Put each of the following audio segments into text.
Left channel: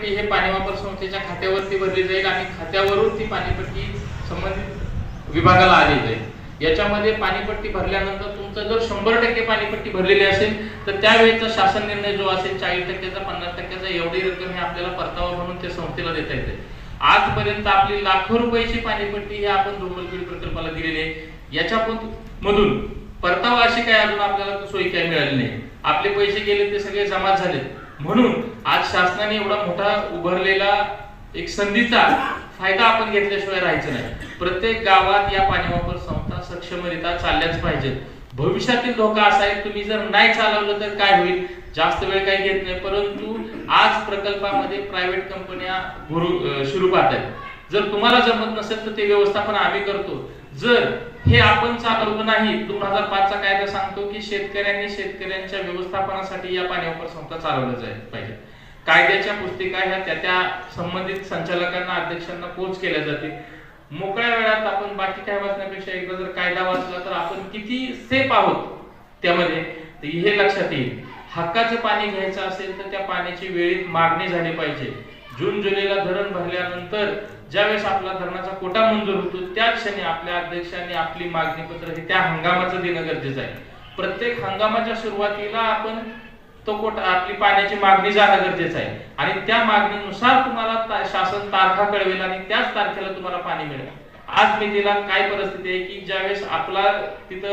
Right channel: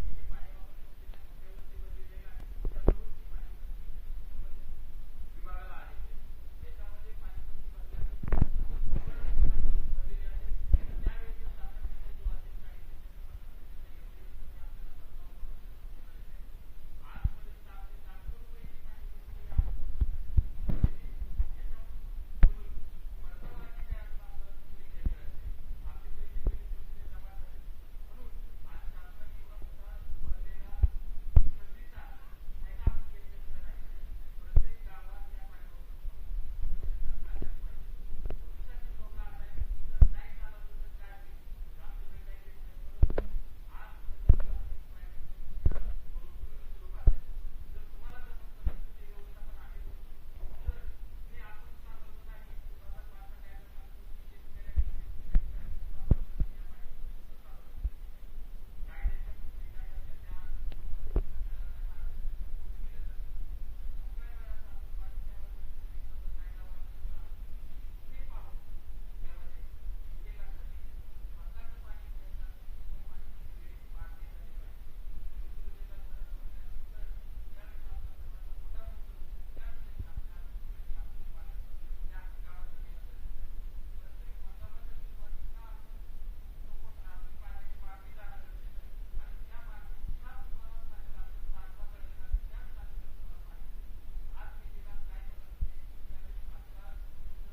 पाणीपट्टी हे पाणी वापर संस्थेच्या खात्यावरती भरली जाईल आणि खात्यावरून ती पाणीपट्टी संबंधित विभागाला आली जाईल. याच्यामध्ये पाणीपट्टी भरल्यानंतर तुमचं जर शंभर टक्के पाणीपट्टी भरलेली असेल तर त्यावेळेचा शासन निर्णय जो असेल चाळीस टक्क्याचा पन्नास टक्क्याचा एवढी रक्कम हे आपल्याला परतावा म्हणून त्या संस्थेला देता येते. आजपर्यंत आपली लाखो रुपयाची पाणीपट्टी ही आपण धोमलपीड प्रकल्पाला दिलेली आहे. याच्या मधून परतावा अशी काय अजून आपल्याला सोयी काय मिळाली नाही. आपले पैसे गेले ते सगळे जमा झाले म्हणून आज शासनाने एवढा मोठा उभारलेला एक संधीचा फायदा आपण घेतल्याशिवाय राहायचं नाही. प्रत्येक गावात या पाणी वापर संस्था सक्षमरित्या चालल्याच पाहिजेत. भविष्यातील धोका असा आहे तुम्ही जर नाही चालवलं तर काय होईल? जास्त वेळ काही घेत नाही. परंतु आज प्रकल्पामध्ये प्रायव्हेट कंपन्या सुरू पाहत आहेत जर तुम्हाला जमत नसेल तर ते व्यवस्थापन आम्ही करतो. जर हे आपण चालवलं नाही दोन हजार पाचचा कायदा सांगतो की शेतकऱ्यांनी शेतकऱ्यांच्या व्यवस्थापनासाठी या पाण्यावर संस्था चालवल्या जाईल पाहिजे. कायद्याच्या पुस्तिका ह्या त्या त्या संबंधित संचालकांना अध्यक्षांना पोच केल्या जाते मोकळ्या वेळात आपण बाकी काय वाचण्यापेक्षा एकदा जर कायदा वाचला तर आपण किती सेफ आहोत त्यामध्ये हे लक्षात येईल. हक्काचं पाणी घ्यायचं असेल तर त्या पाण्याची वेळेत मागणी झाली पाहिजे. जून जुलैला धरण भरल्यानंतर ज्यावेळेस आपला धरणाचा कोटा मंजूर होतो त्या क्षणी आपल्या अध्यक्षांनी आपली मागणी पत्र हे त्या हंगामाचं देणं गरजेचं आहे. प्रत्येक हंगामाच्या सुरुवातीला आपण तो कोटा आपली पाण्याची मागणी जाणं गरजेचं आहे. आणि त्या मागणीनुसार तुम्हाला ता- शासन तारखा कळवेल आणि त्याच तारखेला तुम्हाला पाणी मिळेल. आज मी तिला काय परिस्थिती आहे की ज्यावेळेस आपला तिथं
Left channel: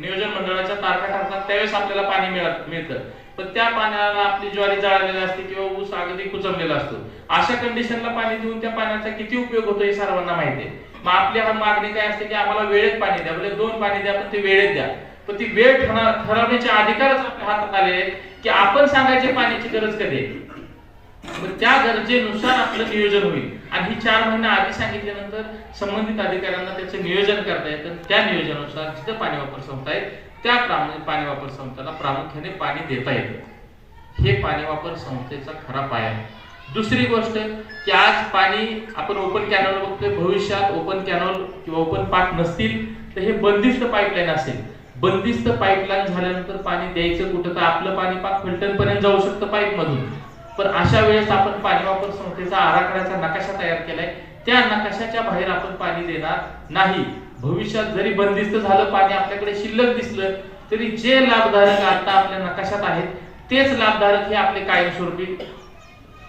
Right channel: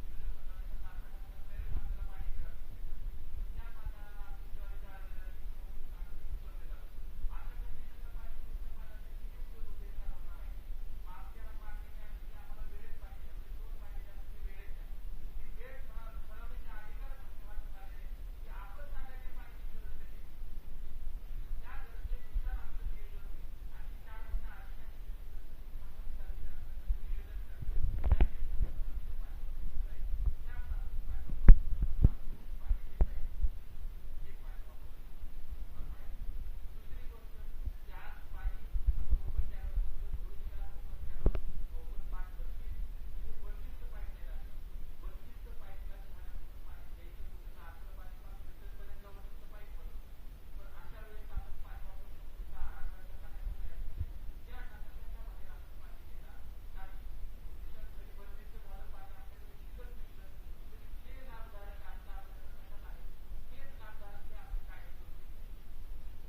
नियोजन मंडळाच्या तारखा ठरतात त्यावेळेस आपल्याला पाणी मिळत मिळतं. पण त्या पाण्याला आपली ज्वारी जाळलेली असते किंवा ऊस अगदी कुचमलेला असतो. अशा कंडिशनला पाणी देऊन त्या पाण्याचा किती उपयोग होतो हे सर्वांना माहिती आहे. मग आपली हा मागणी काय असते की आम्हाला वेळेत पाणी द्या. म्हणजे दोन पाणी द्या पण ते वेळेत द्या. पण ती वेळ ठरवण्याचे अधिकारच आपल्या हातात आले की आपण सांगायचे पाण्याची गरज कधी आहे? मग त्या गरजेनुसार आपलं नियोजन होईल. आणि ही चार महिने आधी सांगितल्यानंतर संबंधित अधिकाऱ्यांना त्याचं नियोजन करता येतं. त्या नियोजनानुसार जिथं पाणी वापर संस्था आहे त्या प्रामुख्याने पाणी वापर संस्थेला प्रामुख्याने पाणी देता येतं. हे पाणी वापर संस्थेचा खरा पाया आहे. दुसरी गोष्ट की आज पाणी आपण ओपन कॅनल बघतोय भविष्यात ओपन कॅनल किंवा ओपन पाक नसतील तर हे बंदिस्त पाईपलाईन असेल. बंदिस्त पाईपलाईन झाल्यानंतर पाणी द्यायचं कुठं तर आपलं पाणी पाक फिल्टरपर्यंत जाऊ शकतं पाईप मधून पण अशा वेळेस आपण पाणी वापर संस्थेचा आराखड्याचा नकाशा तयार केलाय. त्या नकाशाच्या बाहेर आपण पाणी देणार नाही. भविष्यात जरी बंदिस्त झालं पाणी आपल्याकडे शिल्लक दिसलं तरी जे लाभधारक आता आपल्या नकाशात आहेत तेच लाभधारक हे आपले कायमस्वरूपी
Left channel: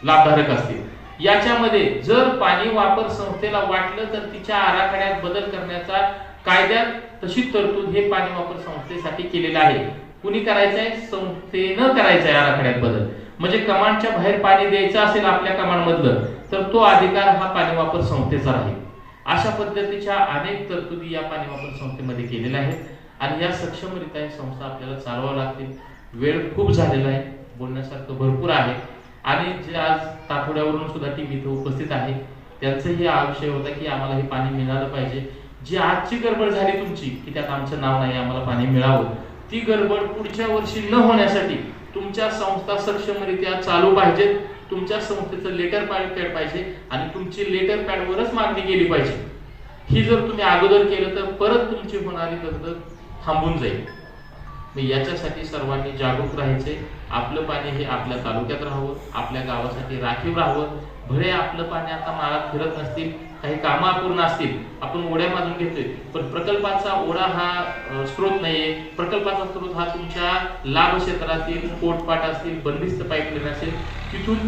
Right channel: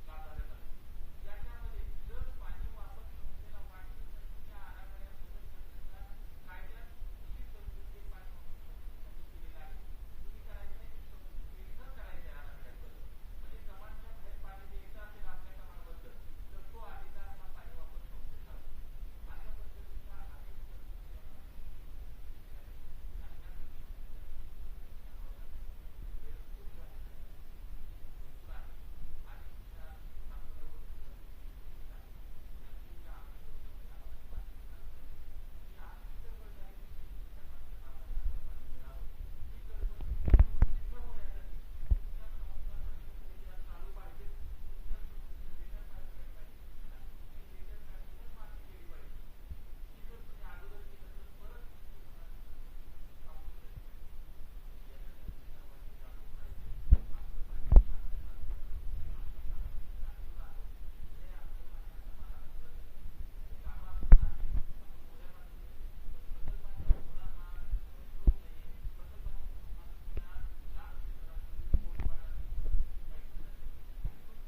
लाभधारक असतील. याच्यामध्ये जर पाणी वापर संस्थेला वाटलं तर तिच्या आराखड्यात बदल करण्याचा कायद्यात तशी तरतूद हे पाणी वापर संस्थेसाठी केलेलं आहे. कुणी करायचंय? संस्थेनं करायचं आहे आराखड्यात बदल. म्हणजे कमांडच्या बाहेर पाणी द्यायचं असेल आपल्या कमांड मधलं तर तो अधिकार हा पाणी वापर संस्थेचा राहील. अशा पद्धतीच्या अनेक तरतुदी या पाणी वापर संस्थेमध्ये केलेल्या आहेत. आणि या सक्षमरित्या ही संस्था आपल्याला चालवावं लागतील. वेळ खूप झालेला आहे. बोलण्यासारखं भरपूर आहे. आणि जे आज ताठोड्यावरून सुद्धा टीम इथं उपस्थित आहे त्यांचंही हा विषय होता की आम्हाला हे पाणी मिळालं पाहिजे. जी आजची गडबड झाली तुमची की त्यात आमचं नाव नाही आम्हाला पाणी मिळावं ती गडबड पुढच्या वर्षी न होण्यासाठी तुमच्या संस्था सक्षमरित्या चालू पाहिजेत. तुमच्या संस्थेचं लेटर पॅड पाहिजे आणि तुमची लेटर पॅडवरच मागणी केली पाहिजे. ही जर तुम्ही अगोदर केलं तर परत तुमची होणारी दगदग थांबून जाईल. मग याच्यासाठी सर्वांनी जागरूक राहायचे. आपलं पाणी हे आपल्या तालुक्यात राहावं आपल्या गावासाठी राखीव राहावं. भले आपलं पाणी आता माळात फिरत नसतील काही कामं अपूर्ण असतील आपण ओढ्या बांधून घेतोय. पण प्रकल्पाचा ओढा हा स्रोत नाहीये. प्रकल्पाचा स्रोत हा तुमच्या लाभ क्षेत्रातील पोटपाट असतील बंदिस्त पाईपलाईन असेल तिथून